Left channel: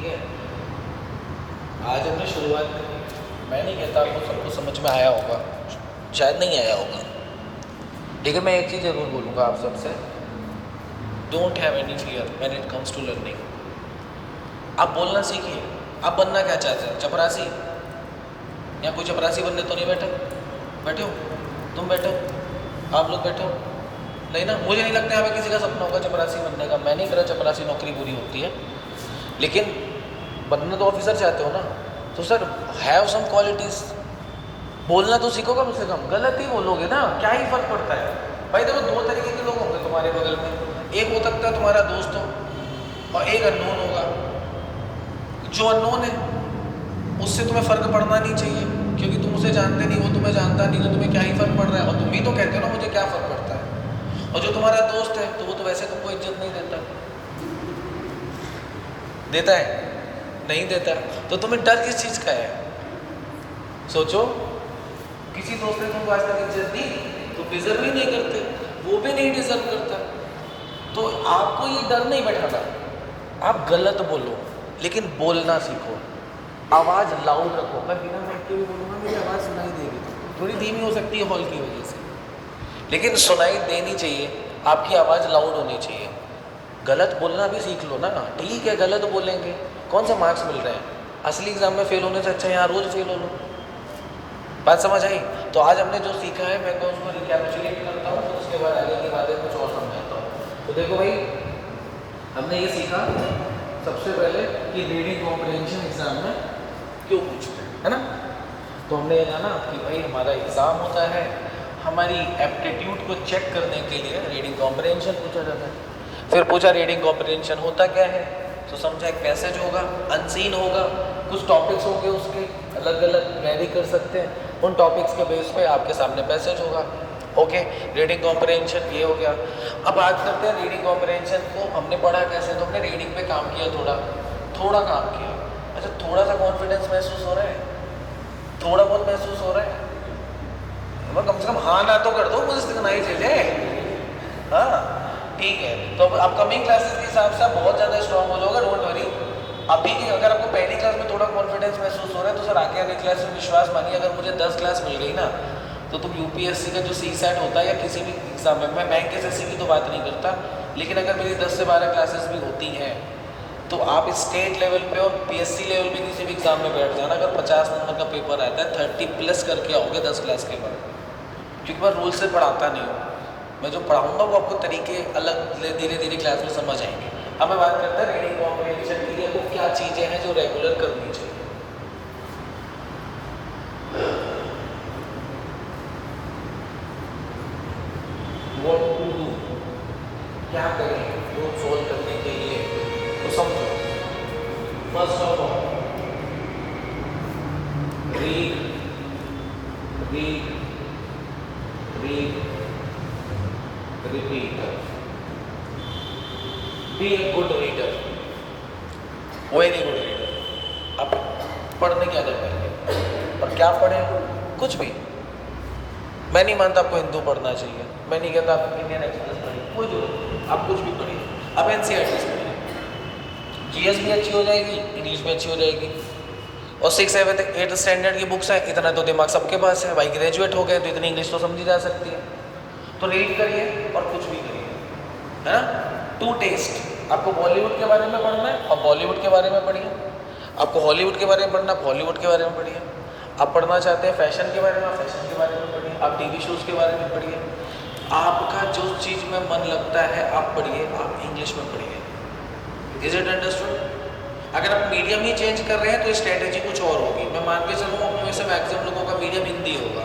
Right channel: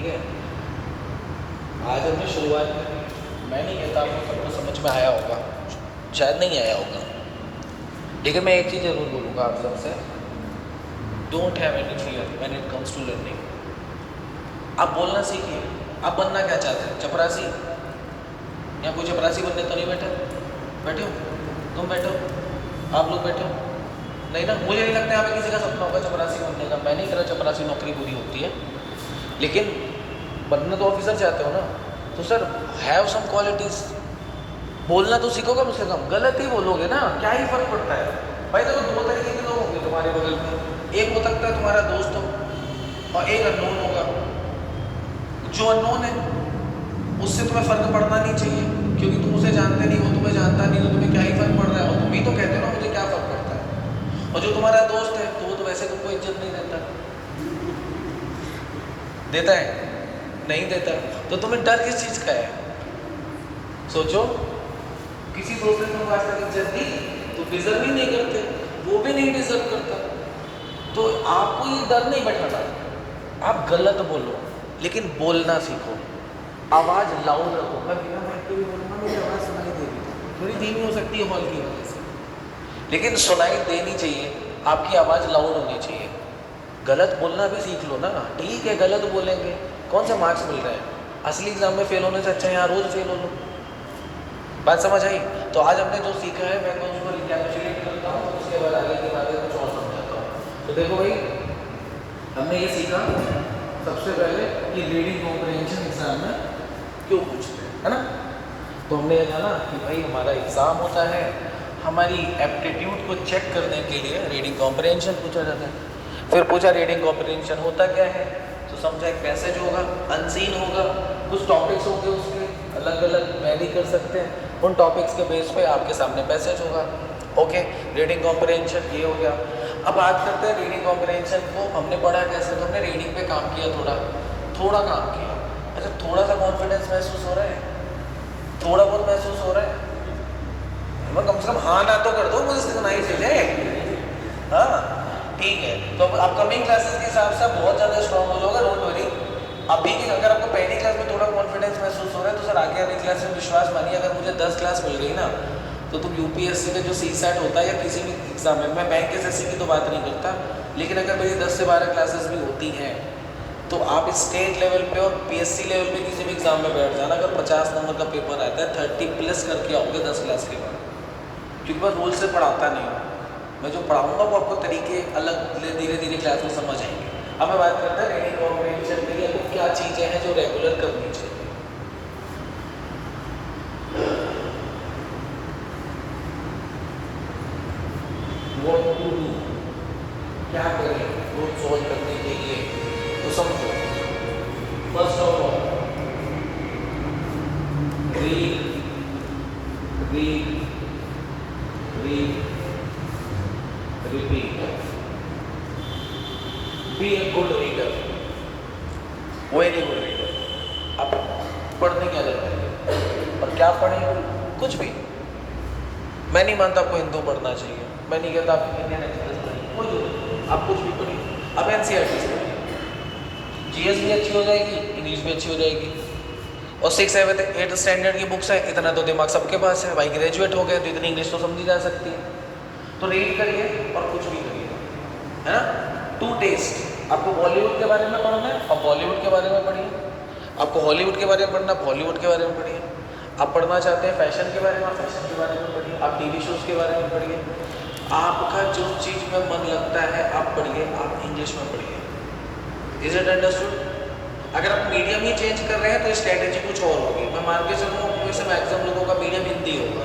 ठीक है। आज हमने शुरुआत की, मैं नहीं कहता आपको सबको समझ में आया होगा, शायद नहीं आया होगा, लेकिन मैं एक चीज़ ज़रूर बोलूँगा आप सबसे, don't have any fear when it comes to learning. आप बोलना सीखिए। आप बनना क्या चाहते हैं? चपरासी? या कोई चपरासी बनने तो नहीं बैठे? बैठे हो? तुम बैठे हो? आप लोग बैठे हो? नहीं ना? मुझे नहीं लगता यहाँ पे किसी का सपना होगा चपरासी बनने का। मैं नहीं कह रहा चपरासी नौकरी बुरी होती है, लेकिन बनना तो ऑफिसर चाहते हो ना, तो सर हैव सम क्वालिटीज़। बोलना तो सीखो कम से कम, गलत ही बोलोगे ना, क्या ही फर्क पड़ता है भाई। देखो दो तरीके के लोग होंगे तुम्हारे बगल में, एक हो सकता है तुम्हारा दोस्त हो और एक अननोन होगा। जो अननोन है उससे तुम्हें फ़र्क पड़ना नहीं चाहिए, क्योंकि तुम उसे जानते नहीं, वो तुम्हें जानता नहीं, तो तुम्हें क्या ही फ़र्क पड़ रहा है। और तुम भी तो कहते हो ना मुझे क्या फ़र्क पड़ता है। और जो तुम्हारा दोस्त है तो वो तो वैसे तुमको इज्जत नहीं देता, देता है? नहीं देता है। तो तुम्हें डर किस चीज़ का है? सोचो, किसी दोस्त ने तुमको आज तक इज्जत दी, तो डिजर्व ही नहीं करते, वो भी नहीं डिजर्व करता। तो आपको ये डर नहीं बैठाता। आप गलत बोलो, लेकिन बोलना सीखो। आवाज़ लाउड रखो। मैं बिना माइक के भी बोलूँगा, मेरी आवाज़ सुनाई दे रही है, थोड़ी धीमी हो सकती है हॉल की वजह से, लेकिन सुनाई देनी चाहिए। आपकी आवाज़ लाउड होनी चाहिए। गलत बोलना भी सीख लो ना। ठीक है, गलत बोलेंगे, कौन सा मार्क्स मिल रहा है? असली एग्जाम में फेल होने से अच्छा यहाँ रोज़ फेल हो लो। बात समझ आई? तो आज हमने जो सीखा है मैं तो उसको रिकैपिचुलेट करता हूँ, उसके बाद आगे की बातें कुछ और समझाता हूँ। तो देखो भाई, हमने ये सीखा सबसे पहले कि रीडिंग कॉम्प्रिहेंशन एग्जाम में क्यों पूछते हैं, है ना। तो हमने ये जाना कि भाई हमारा एग्ज़ाम होता है, हमारी एप्टीट्यूड को चेक करने के लिए रीडिंग कॉम्प्रिहेंशन पूछा जाता है। फिर पूछा रीडिंग कॉम्प्रिहेंशन होता क्या है, तो समझा एक पैसेज होगा, अनसीन होगा, कुछ टॉपिक्स होंगे उसके अलग अलग वैरी कर सकते हैं, उन टॉपिक्स के बेस पे आपके सामने पैसेज होगा। ओके, रीडिंग कॉम्प्रिहेंशन ये हो गया। अब बात करते हैं रीडिंग कॉम्प्रिहेंशन को हमने पढ़ा कैसे। तो हमने रीडिंग पे काम किया, थोड़ा काम किया। अच्छा, थोड़ा सा कॉन्फिडेंस महसूस हो रहा है? थोड़ा बहुत महसूस हो रहा है? मैं कम से कम हाँ ना तो कर दो, मुझे सीखना ही चाहिए। हाँ ठीक है, तो अब अपकमिंग क्लासेस के हिसाब से आप बहुत ज़्यादा स्ट्रॉन्ग हो जाओगे, डोंट वरी। अब देखिए, अगर आपको पहली क्लास में थोड़ा कॉन्फिडेंस महसूस हो रहा है, तो सर आगे वाली क्लास में विश्वास मानिए, अगर मुझे 10 क्लास मिल गई ना, तो तुम यूपीएससी का जो सीसैट होता है या किसी भी एग्जाम में, मैं बैंक एसएससी की तो बात नहीं करता, लेकिन अगर मेरी 10 से 12 क्लासेस भी होती हैं, तो आप स्टेट लेवल पे और पीएससी लेवल पे किसी भी एग्जाम में बैठ जाना, अगर 50 नंबर का पेपर आता है 30+ करके आओगे 10 क्लास के बाद, क्योंकि मैं रूल से पढ़ाता नहीं हूँ। मैं जो पढ़ाऊँगा वो आपको तरीके अलग धीरे धीरे क्लास में समझ आएंगे। अब मैं बात करता है रीडिंग कॉम्प्रिहेंशन के लिए तो क्या चीज़ें हैं जो रेगुलर करनी चाहिए। What to do, क्या करें वो सोल्व करने के लिए, तो समझो। First of all, read read read repeat. Be a good reader, very good reader. अब पढ़ने की आदत करिए। और क्या पढ़ें? कुछ भी। मैं नहीं मानता आपको हिंदू पढ़ना चाहिए, मैं नहीं कहता आप इंडियन एक्सप्रेस पढ़िए, कुछ आप कुछ भी पढ़िए। अब एनसीईआरटी से पढ़िए, जीएस भी अच्छी हो जाएगी, इंग्लिश भी अच्छी हो जाएगी। और 6, 7, 8 स्टैंडर्ड की बुक्स है, इतना तो दिमाग सबके पास है भाई, ग्रेजुएट हो गए तो इतनी इंग्लिश तो समझी जा सकती है। तो रीड करिए और कुछ भी करिए, है ना। टू टेस्ट, आपको बॉलीवुड के बारे में पढ़ना है और बॉलीवुड के बारे में पढ़िए, आपको हॉलीवुड के बारे में पढ़ना है, बॉलीवुड के बारे में पढ़िए। आप पढ़ना चाहते हैं फैशन के बारे में, फैशन के बारे में पढ़िए। आप टीवी शोज़ के बारे में पढ़िए। आपका जो चीज़ में मन लगता है आप पढ़िए, आप इंग्लिश में पढ़िए। Is it understood? अगर आप मीडियम ही चेंज कर रहे हैं तो स्ट्रैटेजी कुछ और होगी। मैं मान के चलूँ उनमें से मैक्सिमम लोगों का मीडियम हिंदी होगा,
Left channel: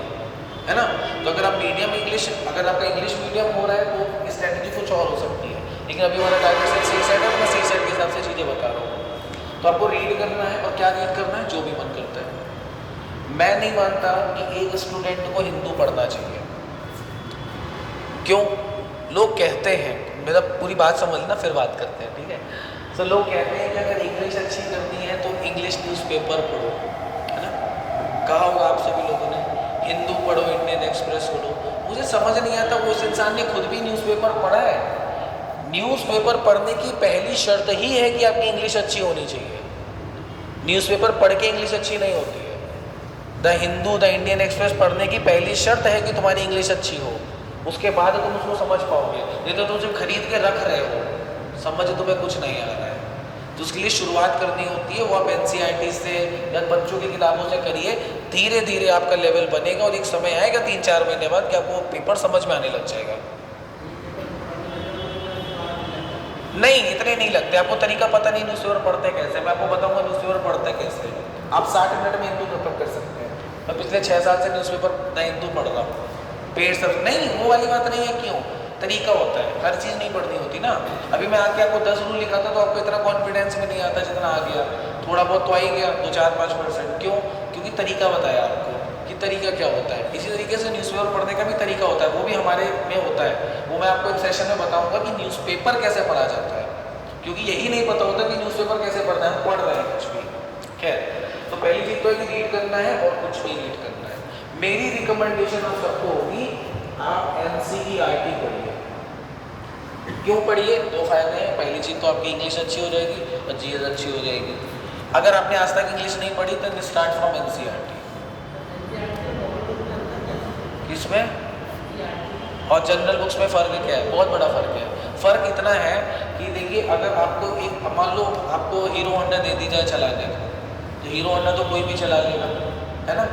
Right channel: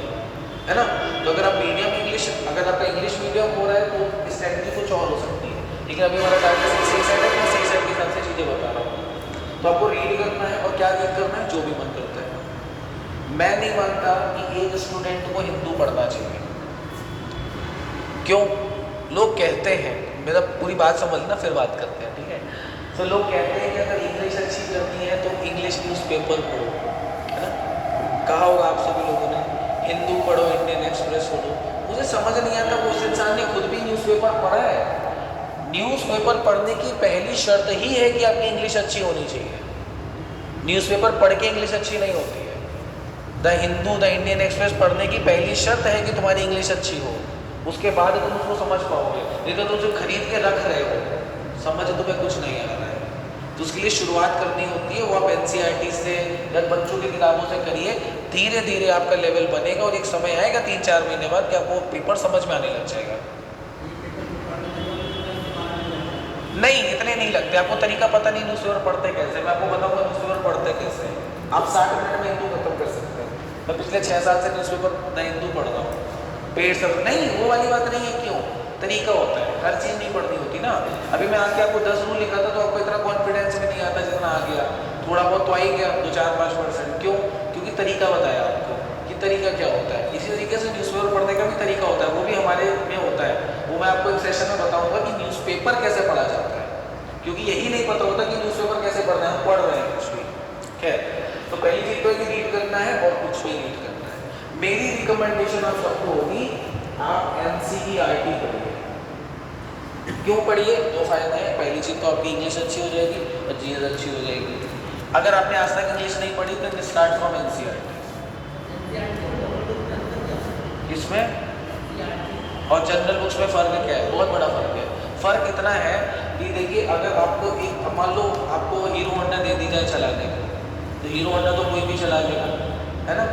है ना। तो अगर आप मीडियम इंग्लिश, अगर आपका इंग्लिश मीडियम हो रहा है तो स्ट्रैटेजी कुछ और हो सकती है। लेकिन अभी मैं बता दें सी सेट है, मैं सी सेट के हिसाब से चीज़ें बता रहा हूँ। तो आपको रीड करना है और क्या रीड करना है, जो भी मन करता है। मैं नहीं मानता कि एक स्टूडेंट को हिंदू पढ़ना चाहिए। क्यों? लोग कहते हैं, मेरा पूरी बात समझना फिर बात करते हैं, ठीक है। तो लोग कहते हैं कि अगर इंग्लिश अच्छी करनी है तो इंग्लिश न्यूज़पेपर पढ़ो, है ना। कहा होगा आप सभी लोगों ने, हिंदू पढ़ो, इंडियन एक्सप्रेस पढ़ो। मुझे समझ नहीं आता वो उस इंसान ने खुद भी न्यूज़पेपर पढ़ा है। न्यूज़पेपर पढ़ने की पहली शर्त ही है कि आपकी इंग्लिश अच्छी होनी चाहिए। न्यूज़पेपर पढ़ के इंग्लिश अच्छी नहीं होती है। The Hindu, the Indian express पढ़ने की पहली शर्त है कि तुम्हारी इंग्लिश अच्छी हो, उसके बाद तुम उसको समझ पाओगे। नहीं तो तुम सिर्फ खरीद के रख रहे हो, समझ तुम्हें कुछ नहीं आ रहा है। तो उसके लिए शुरुआत करनी होती है, वो आप NCERT से या बच्चों की किताबों से करिए। धीरे धीरे आपका लेवल बनेगा और एक समय आएगा 3-4 महीने बाद कि आपको पेपर समझ में आने लग जाएगा। नहीं, इतने नहीं लगते। आपको तरीका पता नहीं न्यूज़पेपर पढ़ते कैसे, मैं आपको बताऊंगा न्यूज़पेपर पढ़ते कैसे। आप 60 मिनट में हिंदू खत्म कर सकते हैं। मैं पिछले 6 साल से न्यूज़पेपर ना हिंदू पढ़ रहा हूँ। पेड़ सर नहीं, वो वाली बात नहीं है। क्यों? तरीका होता है, हर चीज़ नहीं पढ़नी होती ना। अभी मैं आके आपको 10 रूल लिखा था तो आपको इतना कॉन्फिडेंस भी नहीं आता जितना आ गया। थोड़ा बहुत तो आ ही गया, 2-4-5%। क्यों? क्योंकि तरीका बताया आपको कि तरीका क्या होता है। इसी तरीके से न्यूज़पेपर पढ़ने का भी तरीका होता है, वो भी हमारे में होता है। वो मैं आपको एक सेशन में बताऊंगा कि न्यूज़पेपर कैसे पढ़ा जाता है, क्योंकि यही नहीं पता होता कि न्यूज़पेपर कैसे पढ़ना है, पढ़ रहे हैं कुछ भी। खैर, तो पहली चीज़ तो है कि रीड करना है और कुछ भी रीड करना है। मेरी रिकमेंडेशन आप सबको होगी, आप NCERT पढ़िए। क्यों पढ़िए? 2 फायदे हैं। पहली चीज़ तो आपकी इंग्लिश अच्छी हो जाएगी और चीज़ अच्छी हो जाएगी। अगर आपने आज तक इंग्लिश नहीं पढ़ी तो स्टार्ट फ्रॉम NCERT। इसमें और जनरल बुक्स में फ़र्क क्या है? बहुत बड़ा फ़र्क है। फ़र्क इतना है कि देखिए, अगर आपको एक मान लो आपको हीरो होंडा दे दी जाए चलाने को, तो हीरो होंडा तो कोई भी चला लेगा, है ना।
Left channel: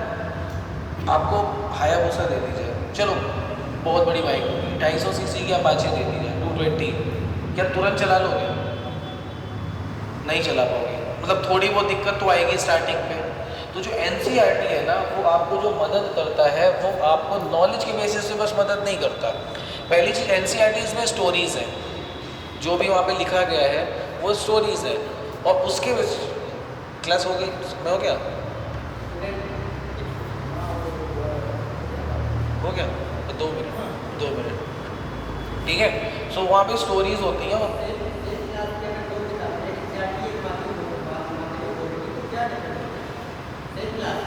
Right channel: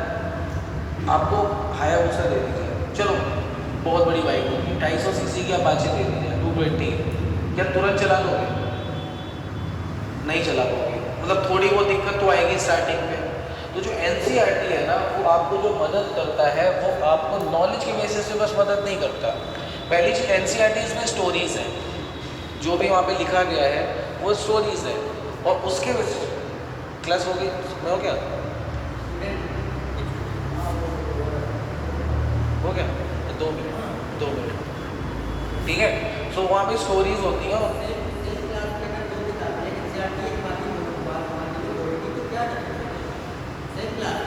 आपको हायाबुसा दे दी जाए, चलो बहुत बड़ी बाइक होगी, 250 सीसी की अपाचे दे दी जाए 220, क्या तुरंत चला लोगे? नहीं चला पाओगे। मतलब थोड़ी बहुत दिक्कत तो आएगी स्टार्टिंग में। तो जो NCERT है ना, वो आपको जो मदद करता है वो आपको नॉलेज के बेसिस पे बस मदद नहीं करता। पहली चीज़, NCERT इसमें स्टोरीज़ है, जो भी वहाँ पे लिखा गया है वो स्टोरीज़ है। और उसके क्लास होगी में हो गया हो गया 2 मिनट 2 मिनट, ठीक है। सो वहाँ पे स्टोरीज होती हैं।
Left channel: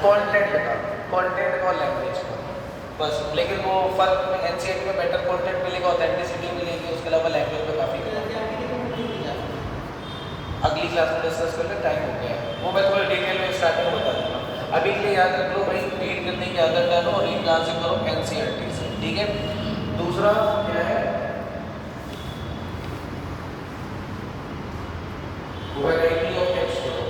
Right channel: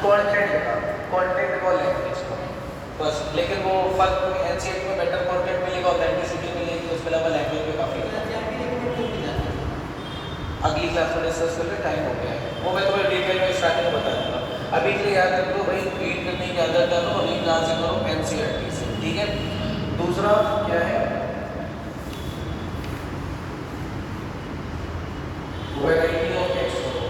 कंटेंट और लैंग्वेज बस, लेकिन वो फर्क NCERT में बेटर कंटेंट मिलेगा, ऑथेंटिसिटी मिलेगी, उसके अलावा लैंग्वेज पे काफ़ी अगली क्लास में डिस्कस करके टाइम हो गया है, वो मैं थोड़ा डिटेल में स्टार्टिंग में बता दूँगा। अभी के लिए याद रख लो भाई, रीड करने की आदत डालो और रीड कहाँ से करो? NCERT से, ठीक है। दूसरा क्या है? वैरायटी ऑफ टेक्स्ट पढ़ो।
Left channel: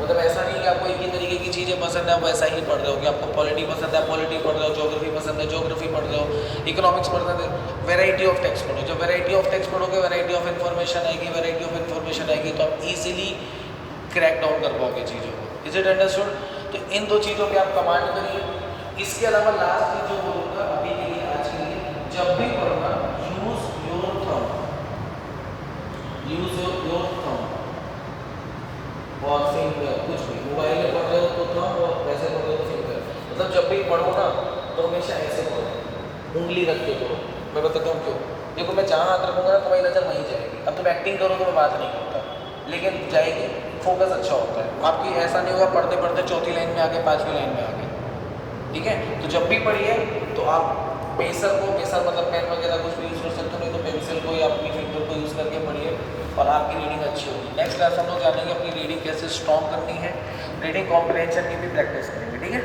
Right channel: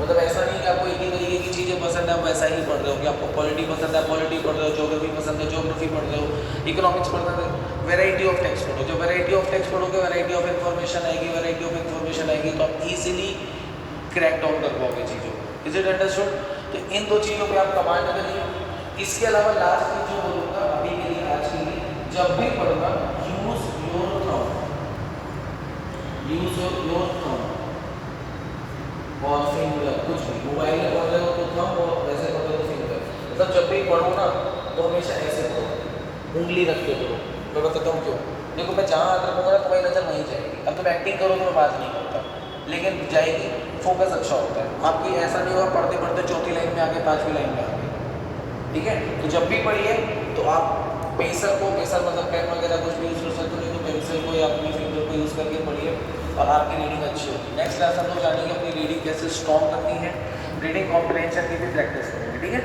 मतलब ऐसा नहीं कि आपको एक ही तरीके की चीज़ें पसंद है, आप वैसा ही पढ़ रहे हो। कि आपको पॉलिटी पसंद है, पॉलिटी पढ़ रहे हो, ज्योग्राफी पसंद है, ज्योग्राफी पढ़ रहे हो, इकोनॉमिक्स पढ़ रहे हो। वैरायटी ऑफ टेक्स्ट पढ़ो। जो वैरायटी ऑफ टेक्स्ट पढ़ोगे, वैरायटी ऑफ इन्फॉर्मेशन आएगी, वैरायटी ऑफ इन्फॉर्मेशन आएगी तो आप ईजिली क्रैक डाउन कर पाओगे चीज़ों को। Is it understood? तो इन 2 चीज़ों पे आप कमांड करिए। इसके अलावा लास्ट चीज़ जो बोलूँगा अभी के लिए, आज के लिए, जब भी पढ़ना use your thumb, use your thumb और फिंगर। कुछ भी मोबाइल में पढ़ रहे हो तो थंब, और वैसे पढ़ रहे हो तो फिंगर। मतलब जब भी पढ़ो ना तो हमेशा ऐसे पढ़ो, उंगली रख के पढ़ो। मैं बताता हूँ क्यों। देखो, मैं जहाँ हाथ रखूँगा ना तुम्हारी नजर वहीं जाएगी। अब तुम एक्टिंग करोगे, मैं बात नहीं करता, लेकिन जाएगी। फोकस अच्छा होता है आपकी। ऐसा नहीं होगा पढ़ते पढ़ते 4थी लाइन में आके 5वीं लाइन में आगे, ठीक है। तो जब भी पढ़िए तो आप पेंसिल को, पेंसिल मतलब पेन वगैरह कुछ भी यूज़ कर सकते हो, नहीं तो पेंसिल को या अपनी फिंगर को यूज़ करके पढ़िए और आपकी रीडिंग अच्छी होगी। नेक्स्ट क्लास हम लोग जानेंगे अपनी रीडिंग कैसे स्ट्रॉन्ग करनी है, रीडिंग कॉम्प्रिहेंशन की भी प्रैक्टिस करेंगे, ठीक है।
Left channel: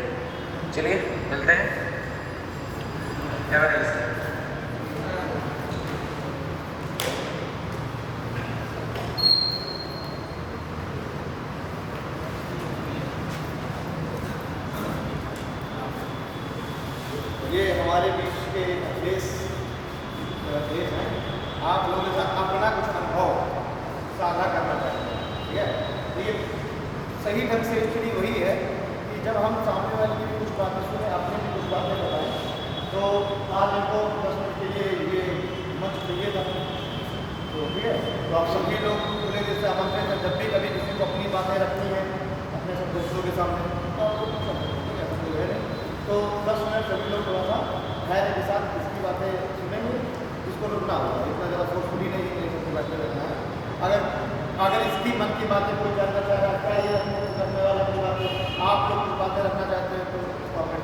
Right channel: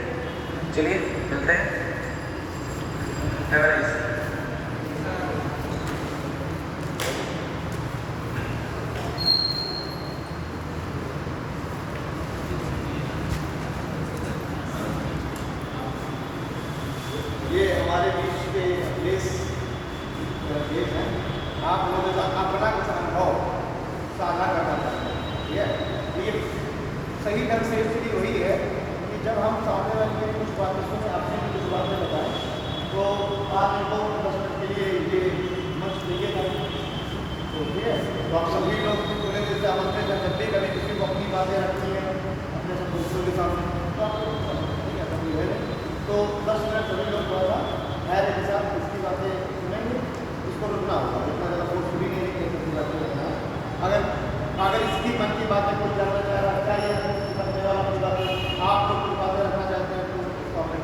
चलिए मिलते हैं। ये हमारे बीच के देश हैं। आप लोगों का अपना कुछ अनुभव साझा करना चाहते हैं, ठीक है। तो ये सही ढंग से स्टडी वही है कि जब हम सामने वाले की कुछ बातें सुने, आपने भी कुछ बातें बताएं, तो 5 मिनट और 10 मिनट के लिए ये मंच चाहिए था, तो ठीक है। तो आप लोग भी लोग पूरे दिन से आमंत्रित हैं, जब भी कभी किसी को अपनी बातें रखनी है अपने सब दोस्तों के सामने, तो 10 मिनट सभी लोग थोड़ा सा धैर्य के साथ इसकी बातें सुनेंगे। इसको रुकना होगा, इतना ज़्यादा सोच भी नहीं कि इसकी बातें करना है। अगर इसकी मन की बातें कोई जानना चाह रहा है, क्या ये करने वाला की बात आप जो कुछ बातें रखना चाहते हैं तो इसको अपने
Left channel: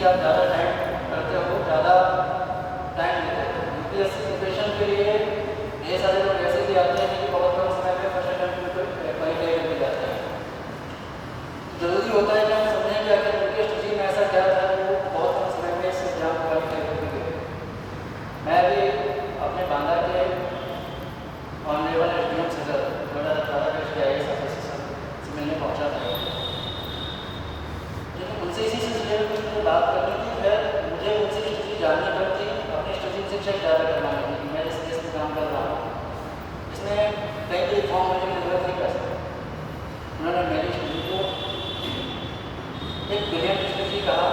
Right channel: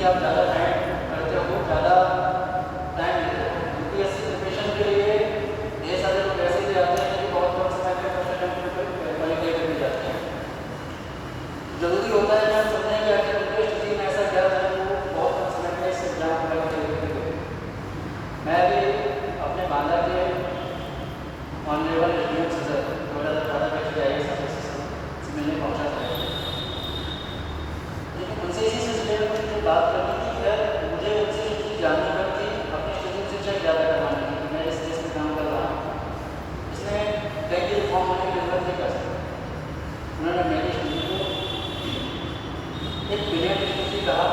कि आप ज़्यादा टाइम करते हो, ज़्यादा टाइम देते हो। यूपीएससी प्रिपरेशन के लिए ये सारे लोग ऐसे भी आते हैं कि बहुत कम समय में फर्स्ट अटेम्प्ट पे क्वालिफाई करके जाते हैं। जरूरी होता है कि हम समझें कि आखिर उनके स्टडी में ऐसा क्या था कि वो बहुत कम समय में इस एग्जाम क्वालिफाई करके गए। मैं भी अपने बांदा के ऑनरेबल एसडीएम से सर 2018 के IAS ऑफिसर से मिलने पहुंचा था, लेकिन उनसे इसी सिलसिले में मुझे बात करनी थी। फिर मुझे उनसे एक चीज़ जाननी पड़ती, अपनी स्टडी से चेक ज़्यादा करवानी थी कि मैं जिस केस में काम कर रहा हूँ इसमें पहले फॉर्म लेने की जरूरत है कैसे। उन्होंने मेरी स्टडी को एक ब्रिलियंट स्टडी कहा,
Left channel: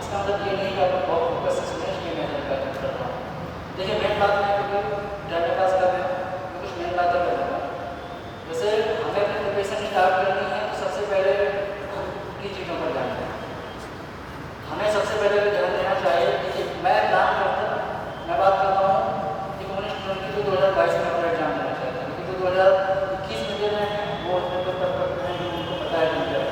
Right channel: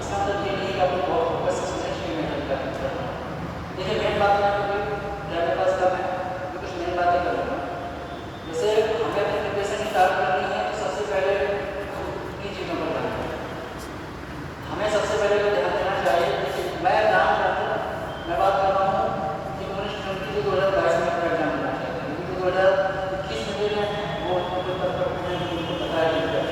इसका मतलब ये नहीं कि आप बहुत फोकस से सुने कि मेहनत कर रहा हूँ। देखिए मेन बात है कि डाटा पास करना है, तो कुछ मेन बातें कर रहा हूँ। जैसे हमें अपनी प्रिपरेशन स्टार्ट करनी है तो सबसे पहले तीन चीज़ों पर ध्यान दें। हमें सबसे पहले ध्यान देना चाहिए कि मैं काम करता हूँ, मैं बात कर रहा हूँ कि मैंने 2022 में अपना एग्जाम देना चाहता हूँ, लेकिन 2021 में देना है वो पता है नहीं है।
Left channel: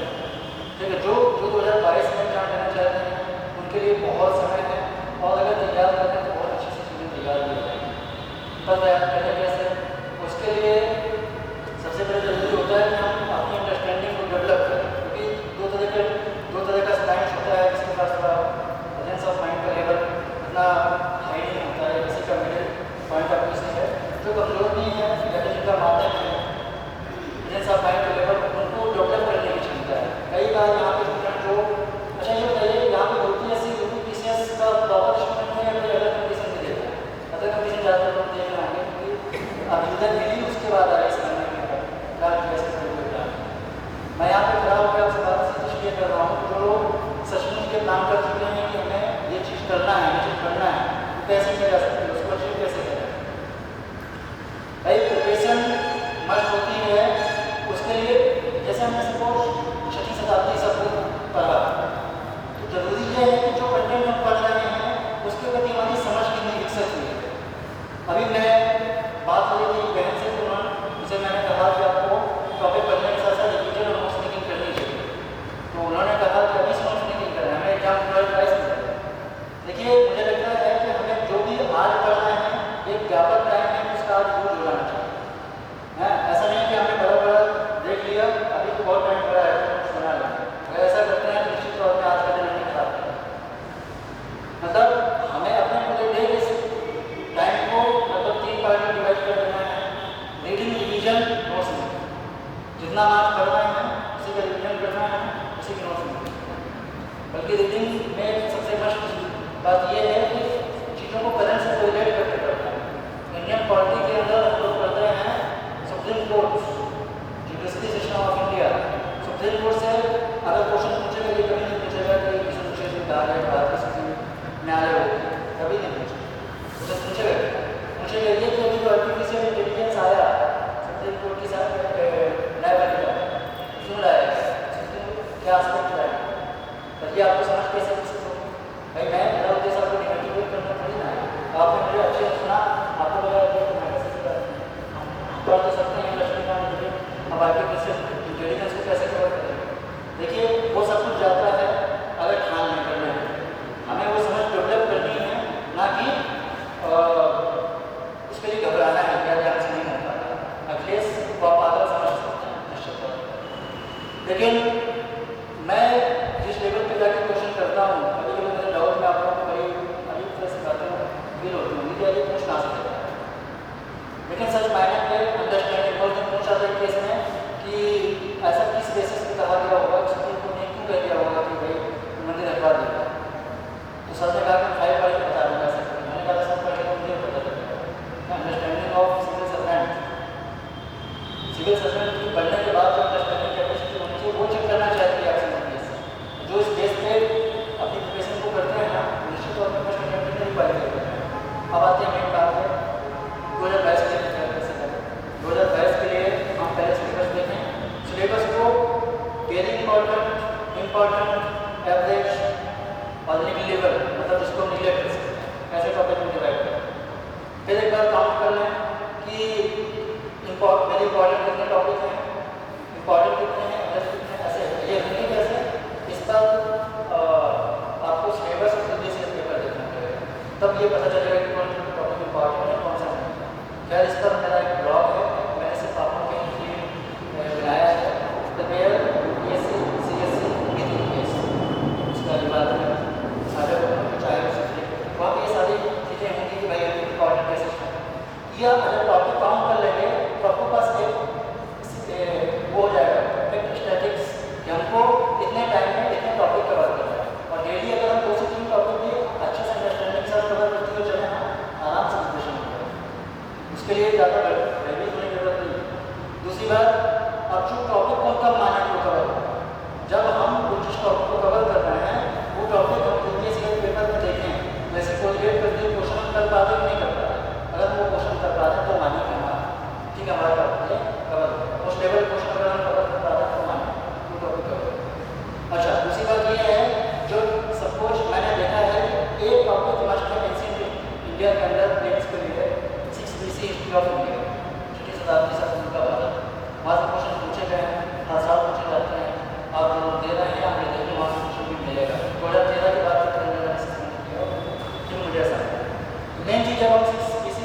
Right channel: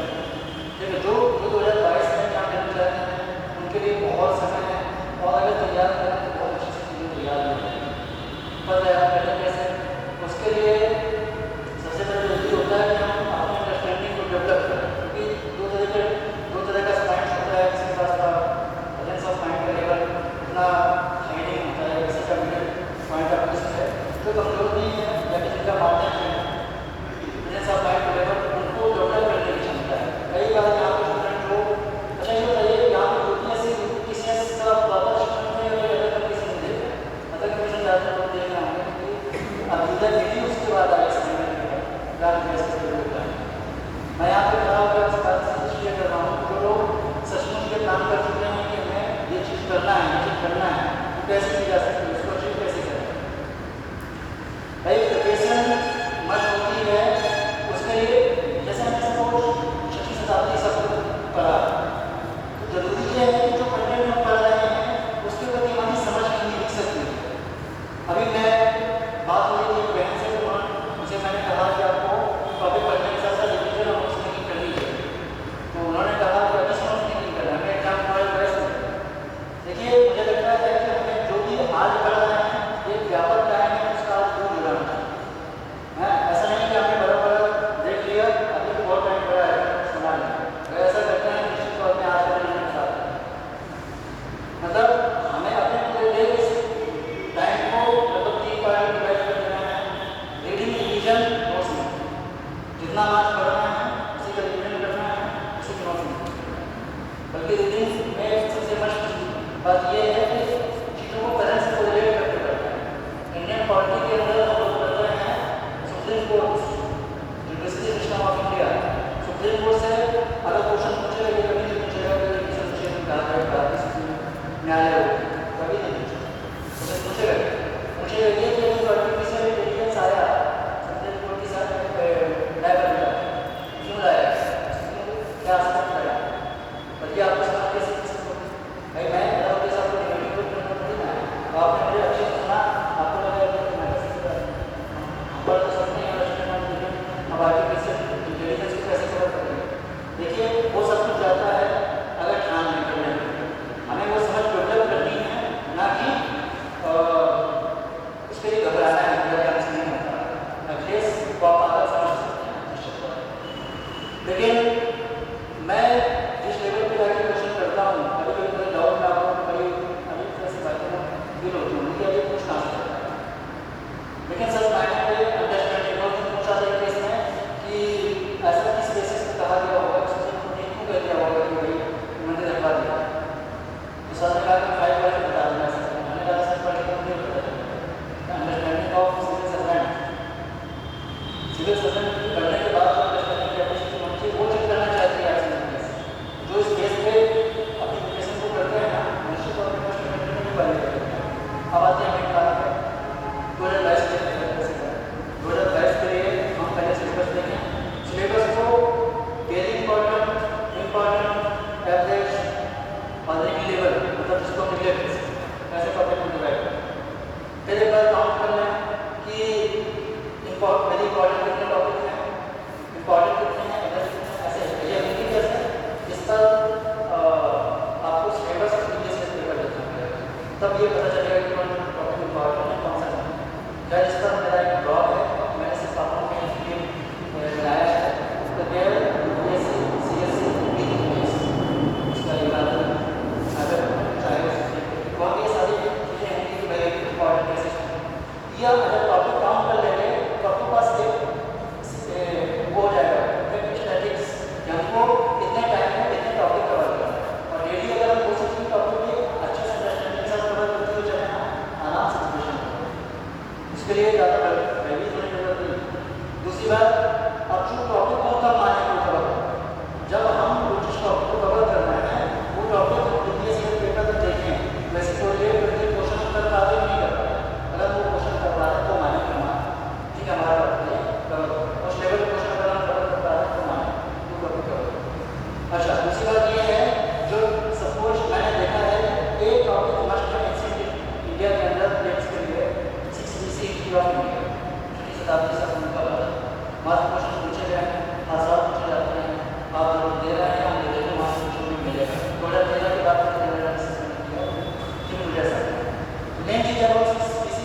ठीक है, जो 2022 में एग्जाम देना चाहते हैं उनके लिए बहुत समय है, और अगर तैयार करें तो बहुत अच्छी से चीज़ें तैयार हो जाएगी। तब तैयार करें कैसे, उसके लिए सबसे पहले जरूरी होता है कि हम अपनी अंडरस्टैंडिंग को डेवलप करें, क्योंकि दो तरह का साइंस होता है। किसी का प्रेजेंस ऑफ माइंड का लेवल इतना हाई नहीं होता है, किसी का मिडिल पॉइंट ऑफ व्यू है जो कमजोर नहीं है या जिनका माध्यम है प्रेजेंस ऑफ माइंड का लेवल उनको डेवलप करने की क्षमता है। कई बार यहाँ पे स्टूडेंट को अच्छा ये बताइए यहाँ पे होती है ऐसी यूपीसीएस का प्रॉपर स्टूडेंट है या अदर कंडीशन नहीं देते, अदर कंडीशन ज़्यादा तो देख रहे होंगे कि अब इधर मिली उसके बाद आए समय मैं यहाँ पे खड़ा होकर आपसे बात शेयर कर रहा हूँ जो सचमुच के काम कर चुके हैं कि हमें ये चीज़ करना है, ये चीज़ करना है, तो कैसे नहीं जा सकते, उसको अचीव कैसे करें। भाई प्रिपरेशन मस्ट होती है, उसके लिए जैसे मैं इसको 6वीं शताब्दी शब्द करा, तो जरूरी ये है कि जो कंटेंट हम कर रहे हैं उसके प्रति हमारी समझ कितनी विकसित हुई है। अभी मैं बात हो रही थी बहन से, उसे मैंने कहा कि आपको टॉपिक करने के साथ साथ रिवीजन और नोट्स मेकिंग करनी चाहिए, तो उन्होंने कहा कि अभी से नोट्स मेकिंग करना है, हमें एग्जाम 2022 में। देखिए मुझे लगता है कि हमें जो भी आज पढ़ रहे हैं एक व्यापक ज्ञान है उसका आज वो जुड़ाना चाहिए। ऐसा नहीं कि हमने बड़ा देख लिया अभी तो बहुत टाइम पड़ा है सुना लें, अगर ऐसा करते हैं तो निश्चित तौर पर आज का दिन खराब है। मतलब हमें अपने पूरे डे इस टाइम को लगभग 3 पार्ट में डिवाइड कर देना है। रीडिंग, रिवीजन, नोट्स मेकिंग, जितना आप कर रहे हैं उसी का रिवीजन करना है, उसी के नोट्स मेकिंग। बल्कि रीडिंग में सबसे मस्त बात यह है कि चीज़ों को करंट से रिलेट करके पढ़ना है। इंडियन पॉलिटी के अंदर हम लोग पढ़ रहे हैं supreme court, judiciary system of India. Supreme court से अगर क्वेश्चन पूछेगा ये कभी नहीं पूछेगा कि इस विषय में कहा है न्यायालय होगा, कभी नहीं पूछेगा। पूछेगा ये कि अभी पॉलिटी से एविडेंस आया सुप्रीम कोर्ट के साथ क्यों लाया, क्या आस्पेक्ट लाया, तभी आपको समझ कैसे भाई मैं उद्देश्य आपको निगेटिव करना थोड़ी ना है। आपने मुझे अच्छे से सुना, आपको लगा तो सकते हैं अब आगे कैसे इंटेलिजेंस को कैसे कवर करें। देखिए वो सब कुछ जाता है अलग ध्यान में करने में, हमें वो समझ डेवलप करनी है, ना कि उसके लिए घबराना है कि ध्यान से नहीं होता है। अखिलेश को आप आगे समझ सकते हैं, लेकिन मैं जिस लेवल पे जाकर क्वेश्चन करता हूँ कभी कभी डाउट में आता हूँ, कई अभी तरह से बातें फील होती हैं कि ये पूछना सकता है, लेकिन सर मैंने पे अंडरस्टैंडिंग और पूछा था केस में कि ऐसा किस बेसिस पे कहा गया होगा, उसकी तुमने क्यों कह दिया होगा कि भाई उन्होंने रखवा दिया, तो सर ने कहा कि 5 वर्ष बता देना है। मैंने कहा सर पढ़े तो मुझे पता चलेगा understanding of civil servant, civil servant करने के बाद अंडरस्टैंडिंग कैपेसिटी मुझे वो चेक करना चाहिए जो इस केस पे अपनी प्रिपरेशन को करते हैं ना, निश्चित तौर पर क्वेश्चन करते नहीं पाएंगे। अब आते हैं मेन बात पे 2022 के लिए कैसे करें। 2022 के लिए हम पहले सिलेबस देखें, सिलेबस को वेरी इम्पोर्टेंट, एवरेज और लेवल, मतलब उसको निगलेक्ट कैसे टॉपिक को डिवाइड करें। फिर एक बार काउंट कर लें कि वेरी इंपॉर्टेंट कितने टॉपिक हैं, इंपॉर्टेंट कितने हैं, एवरेज कितने, ऐसे ये नहीं कैसे इस पर आपको सिलेबस ये पता चलेगा कि कौन टॉपिक इम्पॉर्टेंट है कौन सा नहीं। खैर इस पर मेरा एक ब्लॉग है, मैंने सिर्फ आपको के लिए बनाया है द वेयर बीएससी सीएससी विद इंग्लिश, उसका यूज़ करना अगर चाहे तो आप ये सारी चीज़ें होंगी कि भाई इम्पॉर्टेंट कैसे या अगर टॉपिक काम कर लेंगे तो आपके पास एक वो हो जाएगा स्टैटिक्स, हमको इतने टाइम में इतने टॉपिक कवर करना है और डेली अगर हम कोशिश की टॉपिक भी अच्छे से अंडरस्टैंडिंग के साथ कवर करते हुए चले ना आराम से प्रिपरेशन करें, उसके लिए ज़्यादा हैवी होने की जरूरत नहीं। दूसरी बात, अब जो टॉपिक को कब माने को कवर करना, जब हम जिस टॉपिक को कवर कर रहे हैं वो टॉपिक हम जल्दी से पेपर में देखें, वैसे कोई लेट करके क्वेश्चन कर पाते नहीं कर पाते, अगर वो क्वेश्चन कर पाते तो माने करना ठीक है हमारा उस लेवल क्वेश्चन अगर हम कवर कर पाते तो माने वो टॉपिक कवर। अच्छा दूसरी बात ये है जो सपोज मैंने देखा है एक टॉपिक मस्ट है इंडिया के अंदर प्लेस के लिए 6 BC हिस्ट्री ऑफ इंडिया 6वीं शताब्दी से शुरू का होता है, वहाँ से क्वेश्चन पूछे गए हैं, आसान पूछे जाते हैं, आप लोग दे रहे हैं हम देखो वहाँ से क्वेश्चन भी मिलेगा। 2013 की बात करते हैं किया कि मुझे ऐसा मेन चीज़ जब हम 6 BC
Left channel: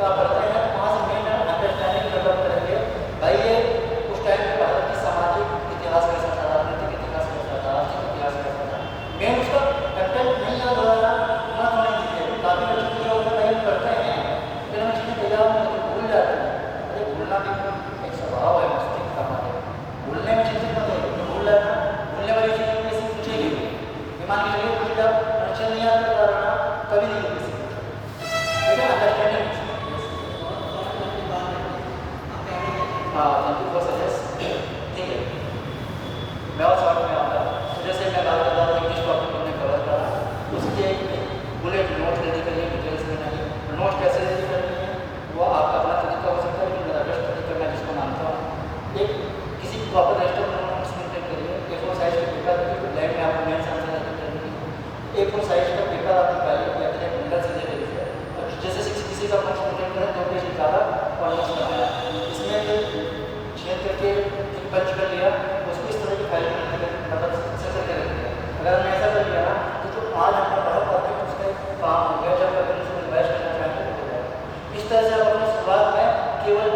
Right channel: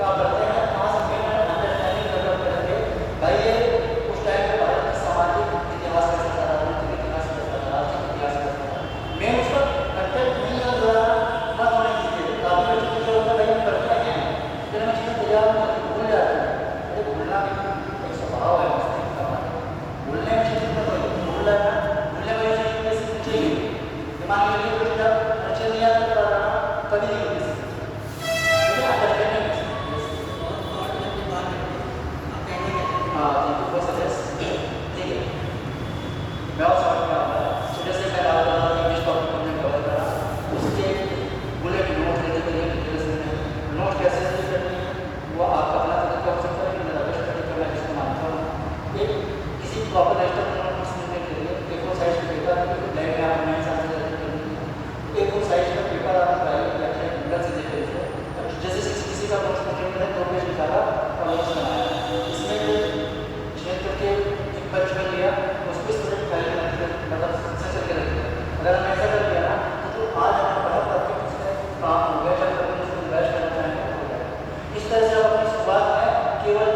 का पढ़ते हैं वहाँ से मेन अंडरस्टैंडिंग डेवलप करेंगे भाई ये उस टाइम पे भारत की सामाजिक इतिहास कैसा था, राजनीतिक इतिहास कैसा था, आर्थिक इतिहास कैसा था, मेन उसका कंटेंट नहीं याद हो रहा ना होने दीजिए। काफ़ी बच्चों को जो टाइम पढ़ते हैं फिर हम चीज़ें तैयार होते तो भूल जाते हैं, अरे भूलना भी एक स्वभाव है मस्तिष्क का, भूलने में चीज़ें तो भूल जाना, भूलने वाली चीज़ कैसे पूछेगी दिमाग के लिए कोई जब अच्छे नहीं याद कर रहा था कभी नहीं होगी मैं और शॉर्ट में आता सुबह से मैं बात कर रहा हूँ इंग्लिश टॉपिक में कवर कर रहा हूँ उसके बुलेट नोट रेडी करिए डिटेल्स में नहीं नोट कैसे रेडी करनी है वो आपका अपना तरीका हो सकता है, लेकिन रजिस्टर तरीका मैं जिसको मानता हूँ एक किसी प्रॉपर रजिस्टर में नोट मेंटेन करिए, A4 साइज का पेपर ब्लैक में आप मेन साइज रेडी करिए, A4 साइज का पेपर आप ड्राइव या फिर गूगल से ले लीजिए, जैसे किसी का नोट मेंटेन करें 2 पेज निकाला और नोट्स बनाया, इसमें छेद करके पंच कर लिया उसको इस तरह की पहले मतलब सेक्शन कर लेते हैं। अगर हमने ऐसा कर लिया ना तो जो 5 घंटे पढ़ा परफेक्ट उसका काम हो गया, जब अगर उसको रिवाइज करना चाहें तो हो जाएगा। इस तरह से आप अपनी शुरुआत में केवल